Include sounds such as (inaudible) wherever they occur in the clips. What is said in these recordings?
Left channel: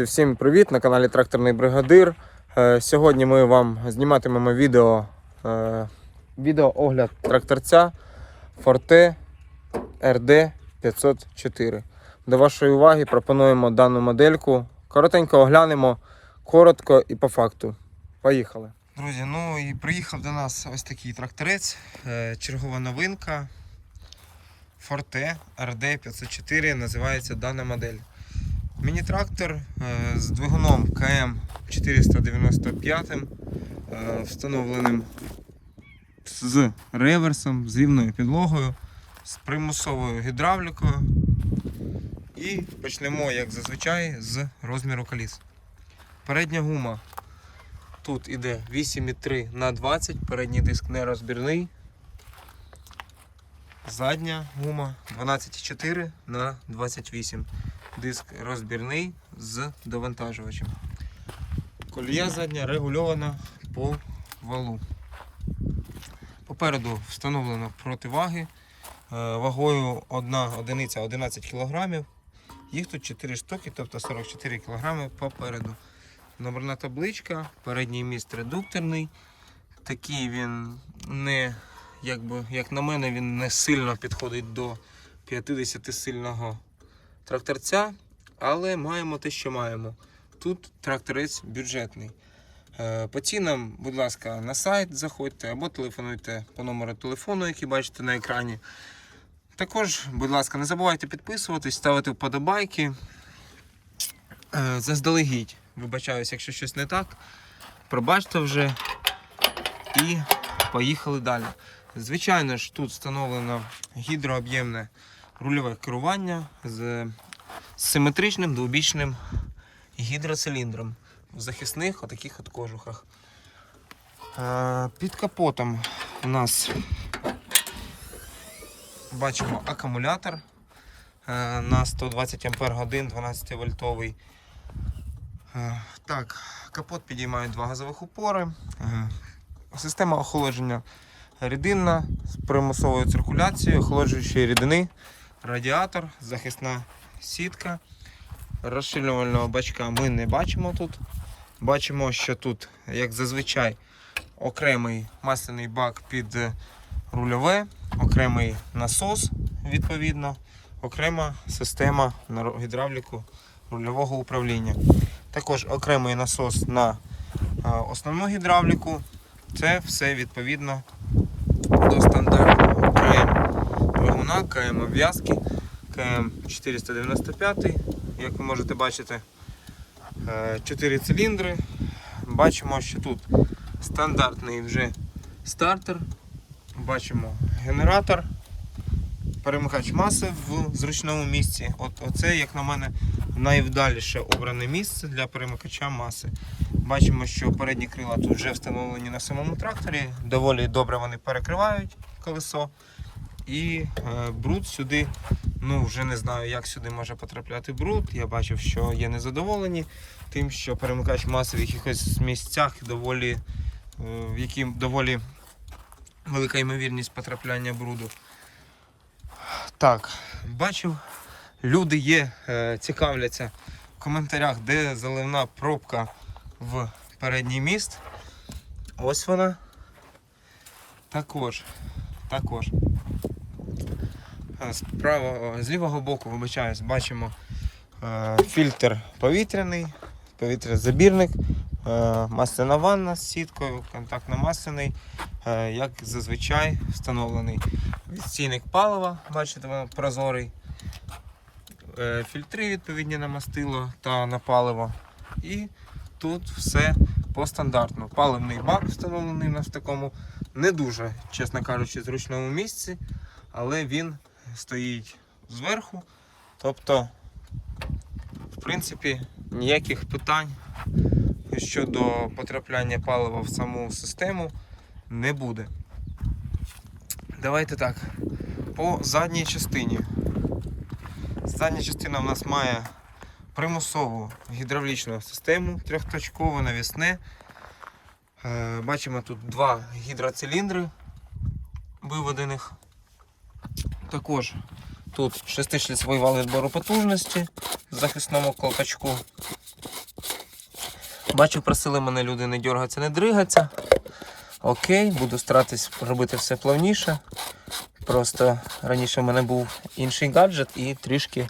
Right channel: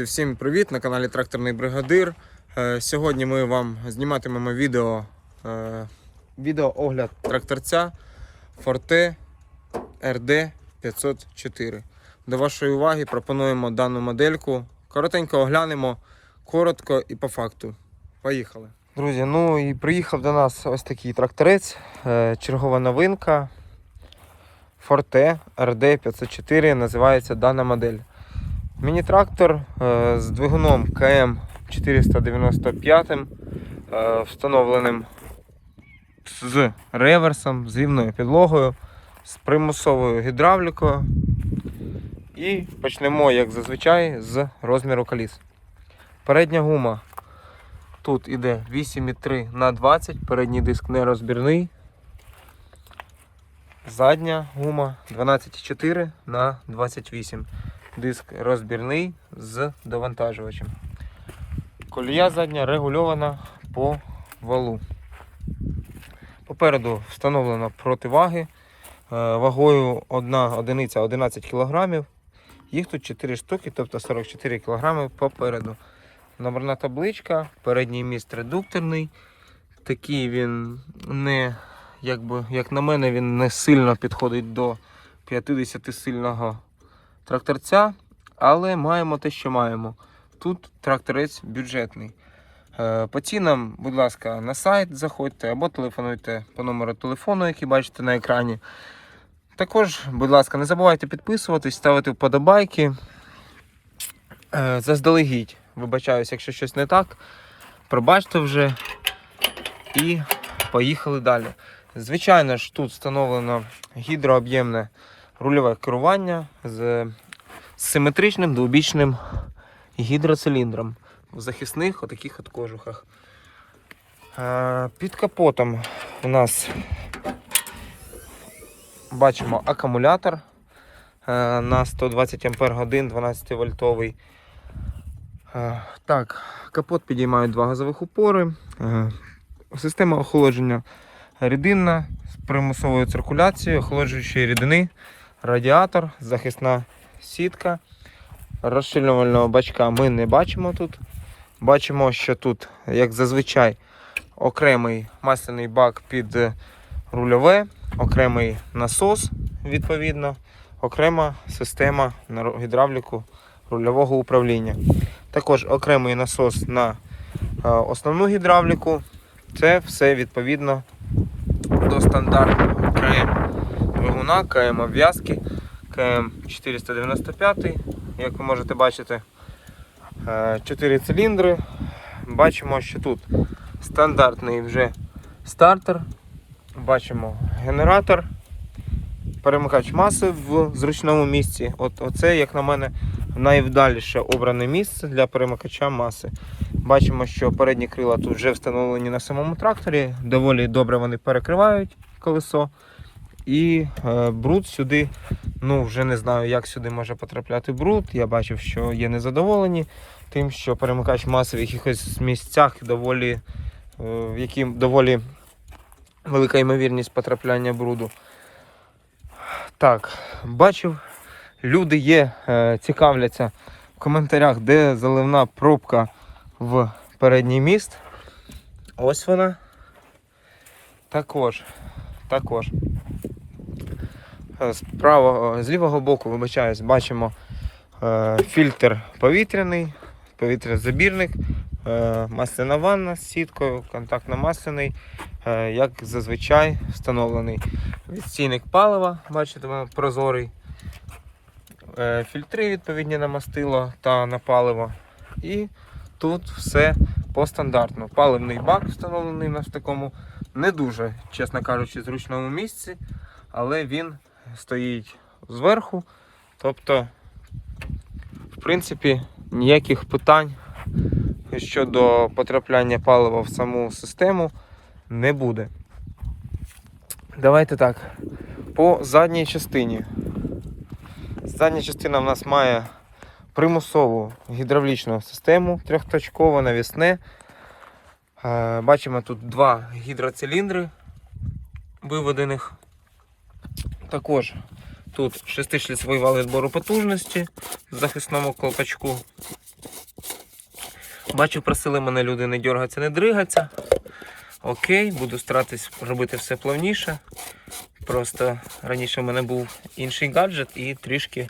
Друзі, всім привіт на каналі Тракторний Бригадир. Е, Сьогодні ми вам зніматимемо відео, е, відео огляд тракторця Forte RD 504. До вашої уваги пропонуємо дану модельку. Коротенько оглянемо, коротко і по факту. Поїхали. Друзі, ну і приїхав до нас ось такий тракторець, е, чергова новинка. Forte RD 504 називається дана модель. Міні-трактор е, з двигуном КМ 495, е, встановленим з реверсом, з рівною підлогою, з примусовою гідравлікою. І почнемо, як зазвичай, з розміру коліс. Передня гума тут іде 8,3 на 20, передній диск нерозбірний. Задня гума 12,4 на 28 диск розбірний з довантажувачем. Колія задня регульована по валу. Попереду встановлено противаги е, вагою 1 одиниця 11 кг. Їх тут 4 штуки, тобто 44 кг попереду. Номерна табличка, передній міст редукторний. Такий він не, якби, як на мене, він не сильно підходить до 50 сильного тракторця, але маємо те, що маємо. Тут тракторець бюджетний. Е, По цінам, будь ласка, на сайт заходьте або телефонуйте по номеру телефону, який бачите на екрані. Також, будь ласка, не забувайте підписуватись, ставити вподобайки. Е, Заздалегідь, вибачаюсь, якщо щось не так. Пробачте вже і поїхали далі. Звичайно ж, тут встановлено гідрооб'ємне рульове керування з симетричним двобічним гідроциліндром в захисних отаких от кожухах. Е, Під капотом у нас бачимо акумулятор е, на 120 Ампер годин 12 вольтовий. Е, Так, капот підіймають два газових упори. Система охолодження рідинна з примусовою циркуляцією, охолоджуючої рідини, радіатор, захисна сітка. Розширювального бачка ми не бачимо тут. Бачимо, що тут, як зазвичай, окремий масляний бак під рульове, окремий насос, відповідно, окрема система гідравліку рульового управління. Також окремий насос на е, основну гідравліку. Це все відповідно до стандартного двигуна, КМ обв'язки, КМ 495, як ви можете бачити, 4 циліндри. Бачимо, що тут стандартний вже стартер. Бачимо генератор, перемикач маси в зручному місці. От Оце, як на мене, найвдаліше обране місце для перемикача маси. Бачимо, що передні крила тут вже встановлені на самому тракторі. Доволі добре вони перекривають колесо. І е, бруд сюди, ну вже не знаю, як сюди може потрапляти бруд. Я бачив, що є незадоволені тим, що перемикач маси в якихось місцях доволі, е, в які доволі велика ймовірність потрапляння бруду. Так, бачив, люди є, е, цікавляться в коментарях, де заливна пробка в передній міст. Ось вона. Також. Також. Е, З правого, з лівого боку, вибачаюсь, бачимо е, фільтр повітряний, повітрязабірник, е, масляна ванна з сіткою, контактно-масляний, е, як зазвичай встановлений. Відстійник палива, бачите, прозорий. Е, фільтри відповідні на мастило та на паливо. І тут все по стандартну. Паливний бак встановлений у нас в такому не дуже, чесно кажучи, зручному місці, але він стоїть зверху. Тобто, в принципі, ніяких питань щодо потрапляння палива в саму систему не буде. Давайте так. По задній частині. Задня частина в нас має примусову гідравлічну систему, трьохточкове навісне. Е, Бачимо тут два гідроциліндри виведених. Також тут шестишліцевий вал відбору потужності в захисному колпачку. Бачу, просили мене люди не дергатися, не дригатися. Окей, буду старатись робити все плавніше. Просто раніше в мене був інший гаджет і трішки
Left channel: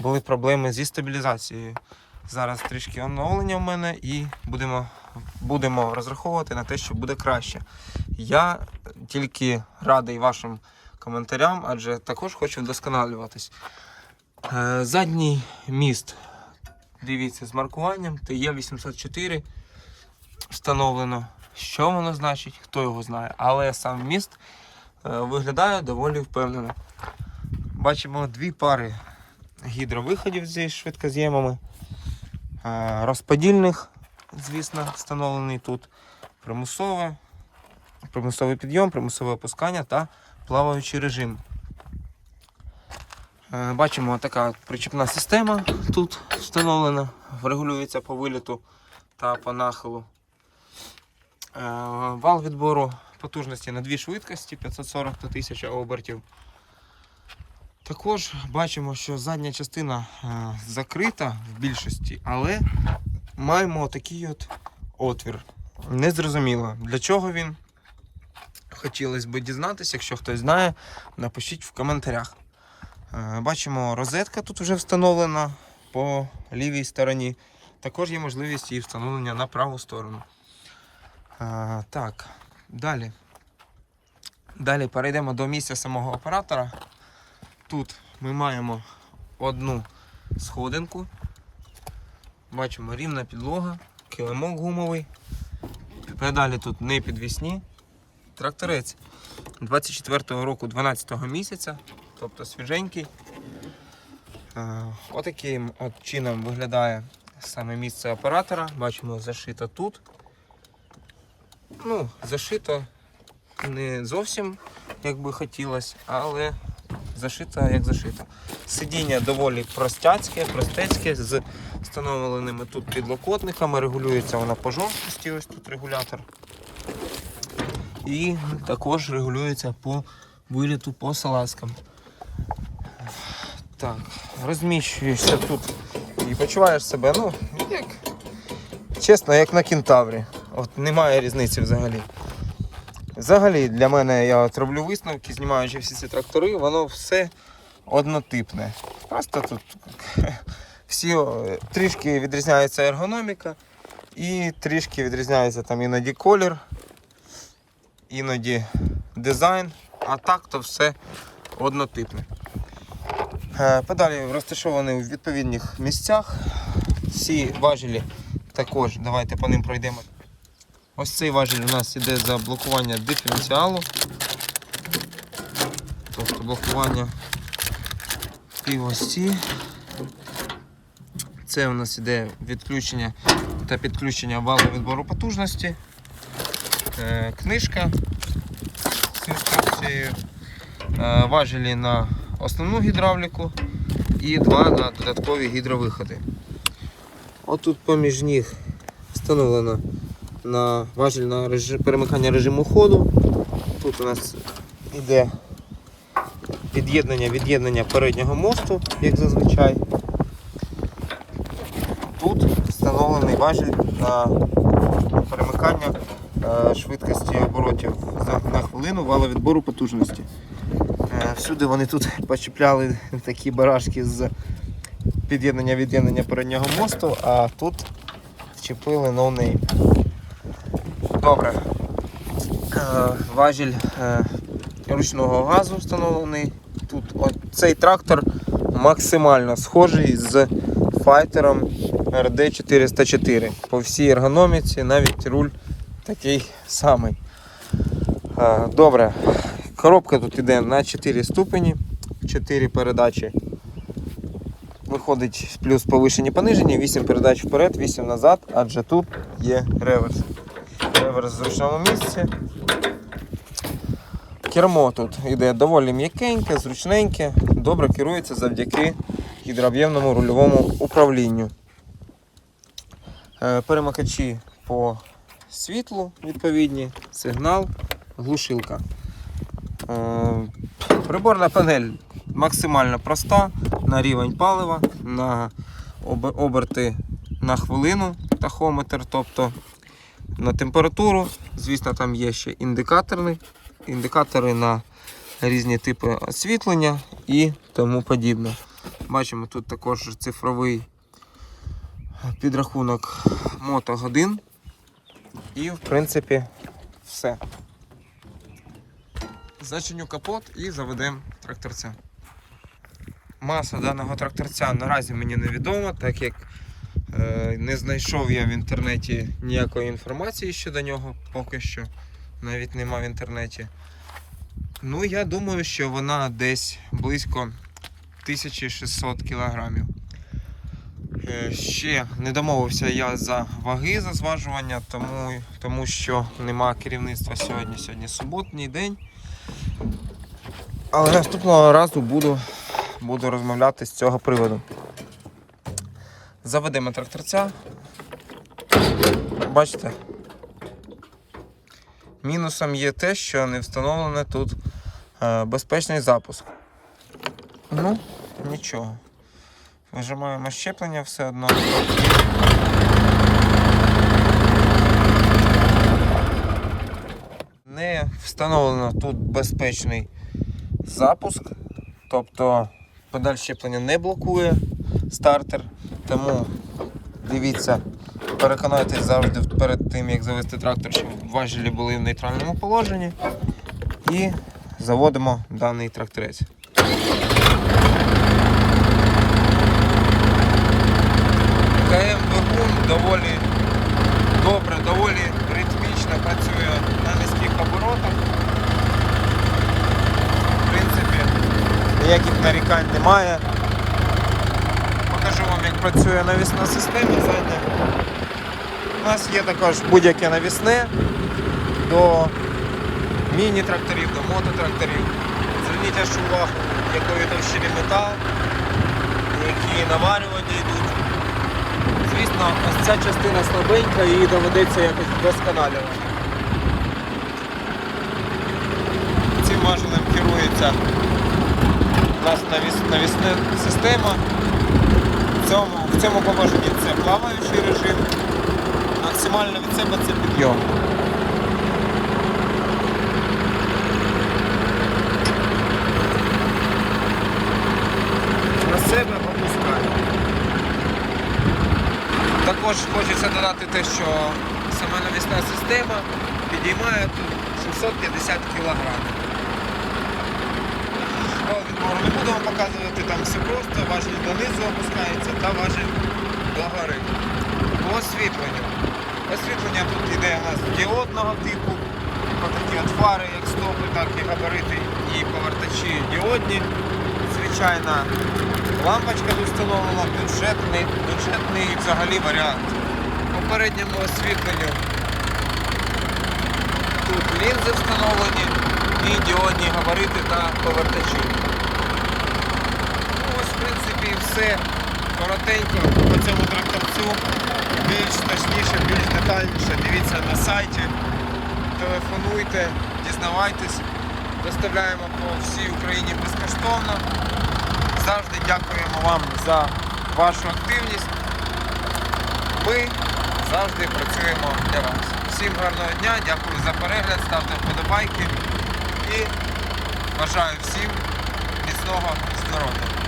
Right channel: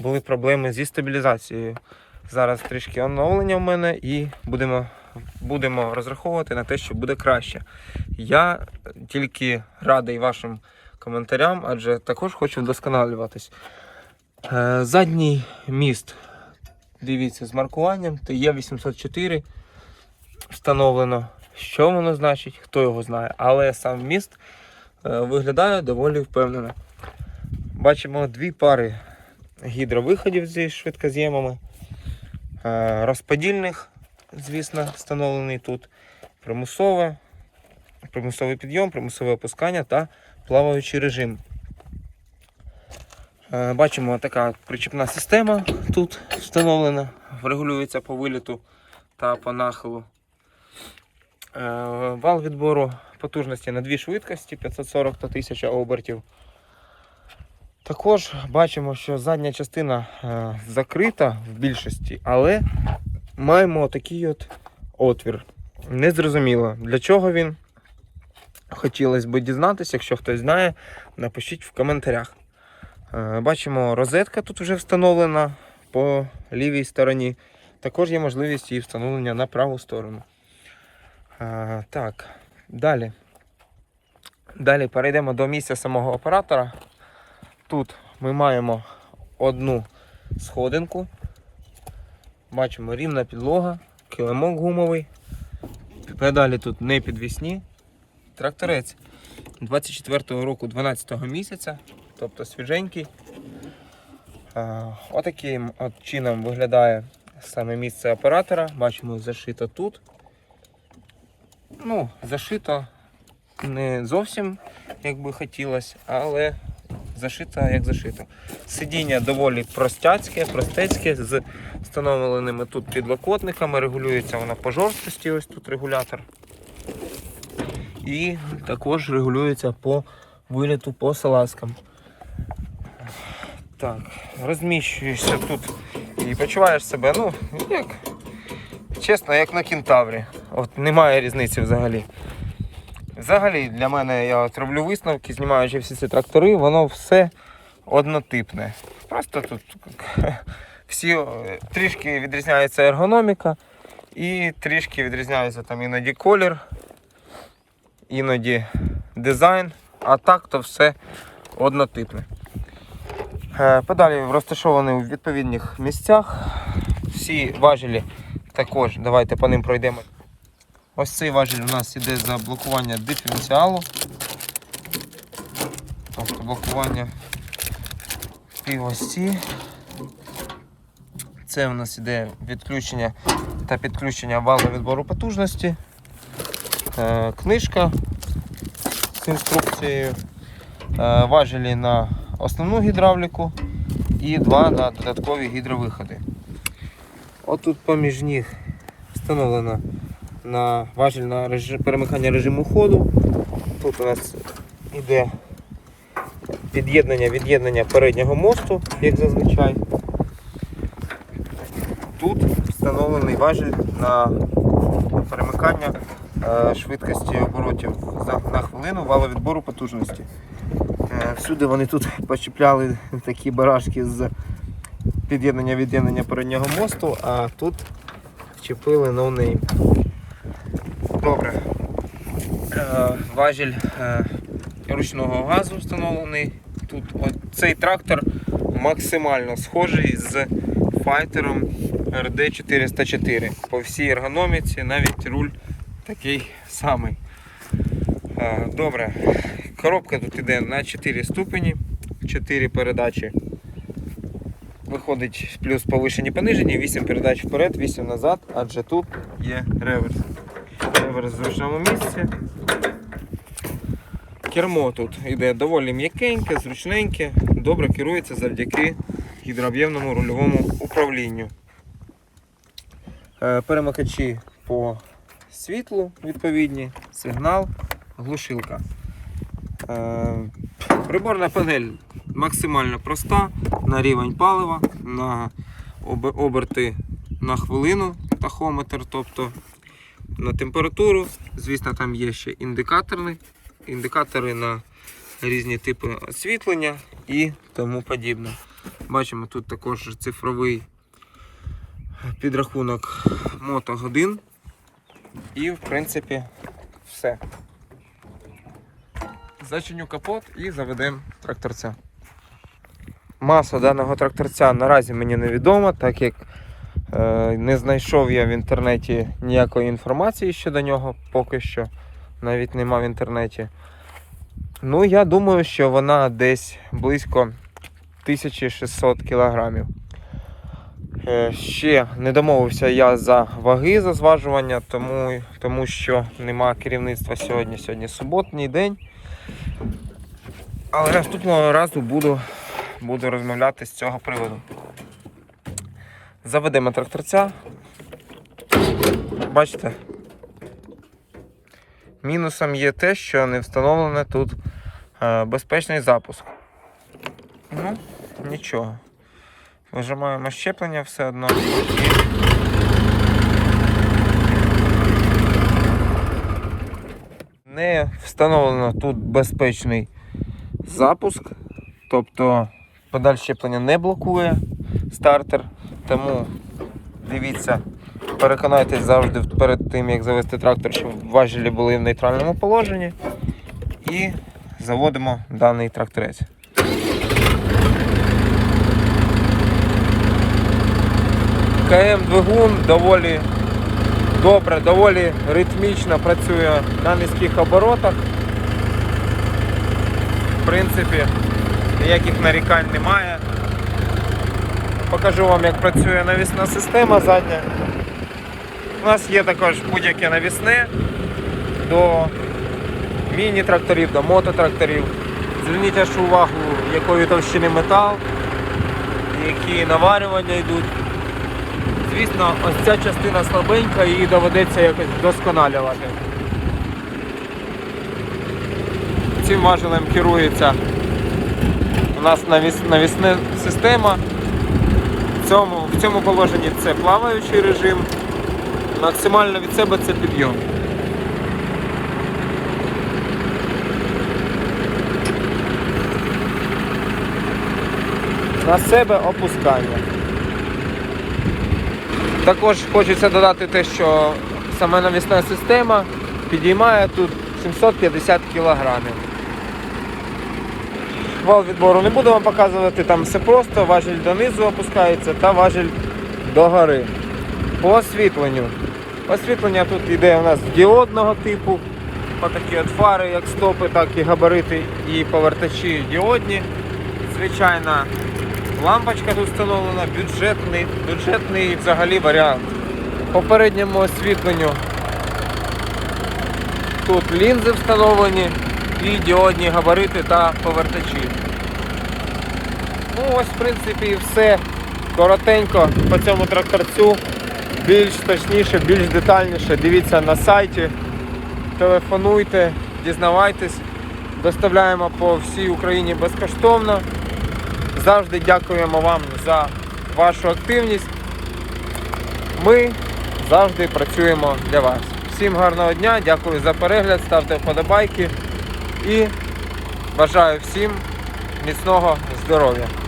були проблеми зі стабілізацією. Зараз трішки оновлення в мене і будемо, будемо розраховувати на те, що буде краще. Я тільки радий вашим коментарям, адже також хочу вдосконалюватись. Е, Задній міст, дивіться, з маркуванням TE804 встановлено. Що воно значить, хто його знає. Але сам міст е, виглядає доволі впевнено. Бачимо дві пари гідровиходів зі швидкоз'ємами. Е, Розподільних, звісно, встановлений тут. Примусове, примусовий підйом, примусове опускання та плаваючий режим. Е, Бачимо така причіпна система тут встановлена, регулюється по виліту та по нахилу. Е, Вал відбору потужності на дві швидкості 540 та 1000 обертів. Також бачимо, що задня частина е, закрита в більшості, але маємо такий от отвір. Незрозуміло, для чого він. Хотілося б дізнатися, якщо хтось знає, напишіть в коментарях. Е, Бачимо, розетка тут вже встановлена по лівій стороні. Також є можливість її встановлення на праву сторону. Е, Так, далі. Далі перейдемо до місця самого оператора. Тут ми маємо одну сходинку. Бачимо рівна підлога, килимок гумовий. Педалі тут не підвісні. Тракторець 24-го року 12-го місяця, тобто свіженький. Отаким от чином виглядає саме місце оператора. Бачимо, зашито тут. Ну, зашито не зовсім як би хотілося, але зашито як зашито. Сидіння доволі простяцьке, простецьке, з встановленими тут підлокотниками, регулюється вона по жорсткості, ось тут регулятор. І також регулюється по виліту по салазкам. Так, розміщуєшся тут і почуваєш себе, ну, як чесно, як на кентаврі. От немає різниці взагалі. Взагалі для мене я от роблю висновки, знімаючи всі ці трактори, воно все однотипне. Просто тут (laughs) всі трішки відрізняється ергономіка і трішки відрізняється там іноді колір, іноді дизайн, а так то все однотипне. Е, Педалі розташовані в відповідних місцях. Всі важелі також, давайте по ним пройдемо. Ось цей важіль у нас іде за блокування диференціалу. Тобто блокування півосі. Це у нас іде відключення та підключення валу відбору потужності. Е, Книжка з інструкцією. Е, Важелі на основну гідравліку і два на додаткові гідровиходи. Отут поміж них встановлено на важель на режим, перемикання режиму ходу. Тут у нас іде під'єднання від'єднання переднього мосту, як зазвичай. Тут встановлений важель на перемикання швидкості оборотів на хвилину валовідбору потужності. Е, Всюди вони тут (laughs) почіпляли такі барашки з під'єднання від'єднання переднього мосту, а тут чіпили ноунейм. Добре. Е, Важіль е, ручного газу встановлений. Тут цей трактор максимально схожий з файтером RD404. По всій ергономіці навіть руль такий самий. Е, Добре. Коробка тут йде на 4 ступені, 4 передачі. Виходить плюс повишені понижені, 8 передач вперед, 8 назад, адже тут є реверс. Реверс в зручному місці. Кермо тут йде доволі м'якеньке, зручненьке, добре керується завдяки гідрооб'ємному рульовому управлінню. Е, Перемикачі по світлу відповідні, сигнал, глушилка. Е, Приборна панель максимально проста на рівень палива, на оберти на хвилину тахометр, тобто на температуру. Звісно, там є ще індикаторні, індикатори на різні типи освітлення і тому подібне. Бачимо тут також цифровий підрахунок мотогодин. І, в принципі, все. Зачиню капот і заведемо тракторця. Маса даного тракторця наразі мені невідома, так як е, не знайшов я в інтернеті ніякої інформації щодо нього поки що. Навіть нема в інтернеті. Ну, я думаю, що вона десь близько 1600 кілограмів. Е, Ще не домовився я за ваги за зважування, тому, тому що нема керівництва сьогодні. Сьогодні суботній день. Але наступного разу буду, буду розмовляти з цього приводу. Заведемо тракторця. Бачите? Мінусом є те, що не встановлений тут е, безпечний запуск. Ну, нічого. Вижимаємо щеплення все одно. Не встановлено тут безпечний запуск, тобто педаль щеплення не блокує стартер, тому дивіться, переконайтесь завжди перед тим, як завести трактор, щоб важелі були в нейтральному положенні. І заводимо даний тракторець. КМ двигун доволі добре, доволі ритмічно працює на низьких оборотах. В принципі, ніяких нарікань немає. Покажу вам, як працює навісна система задня. У нас є також будь-яке навісне до міні-тракторів, до мототракторів. Зверніть увагу, якої товщини метал, які наварювання йдуть. Звісно, ось ця частина слабенька, її доведеться якось вдосконалювати. Цим важелем керується у нас навіс, навісна система. В цьому, в цьому положенні це плаваючий режим. Максимально від себе це підйом. На себе опускаємо. Також хочеться додати те, що саме навісна система підіймає тут 750 кг. Вал відбору не буду вам показувати, там все просто, важіль донизу опускається та важіль догори. По освітленню. Освітлення тут йде у нас діодного типу. Отакі от фари, як стопи, так і габарити і повертачі діодні. Звичайна лампочка тут встановлена, бюджетний, бюджетний взагалі варіант. По передньому освітленню тут лінзи встановлені і діодні габарити та повертачі. Ну ось в принципі і все. Коротенько по цьому тракторцю. Більш точніше, більш детальніше дивіться на сайті, телефонуйте, дізнавайтесь. Доставляємо по всій Україні безкоштовно. Завжди дякуємо вам за вашу активність. Ми завжди працюємо для вас. Всім гарного дня, дякую за перегляд, ставте вподобайки і бажаю всім міцного здоров'я.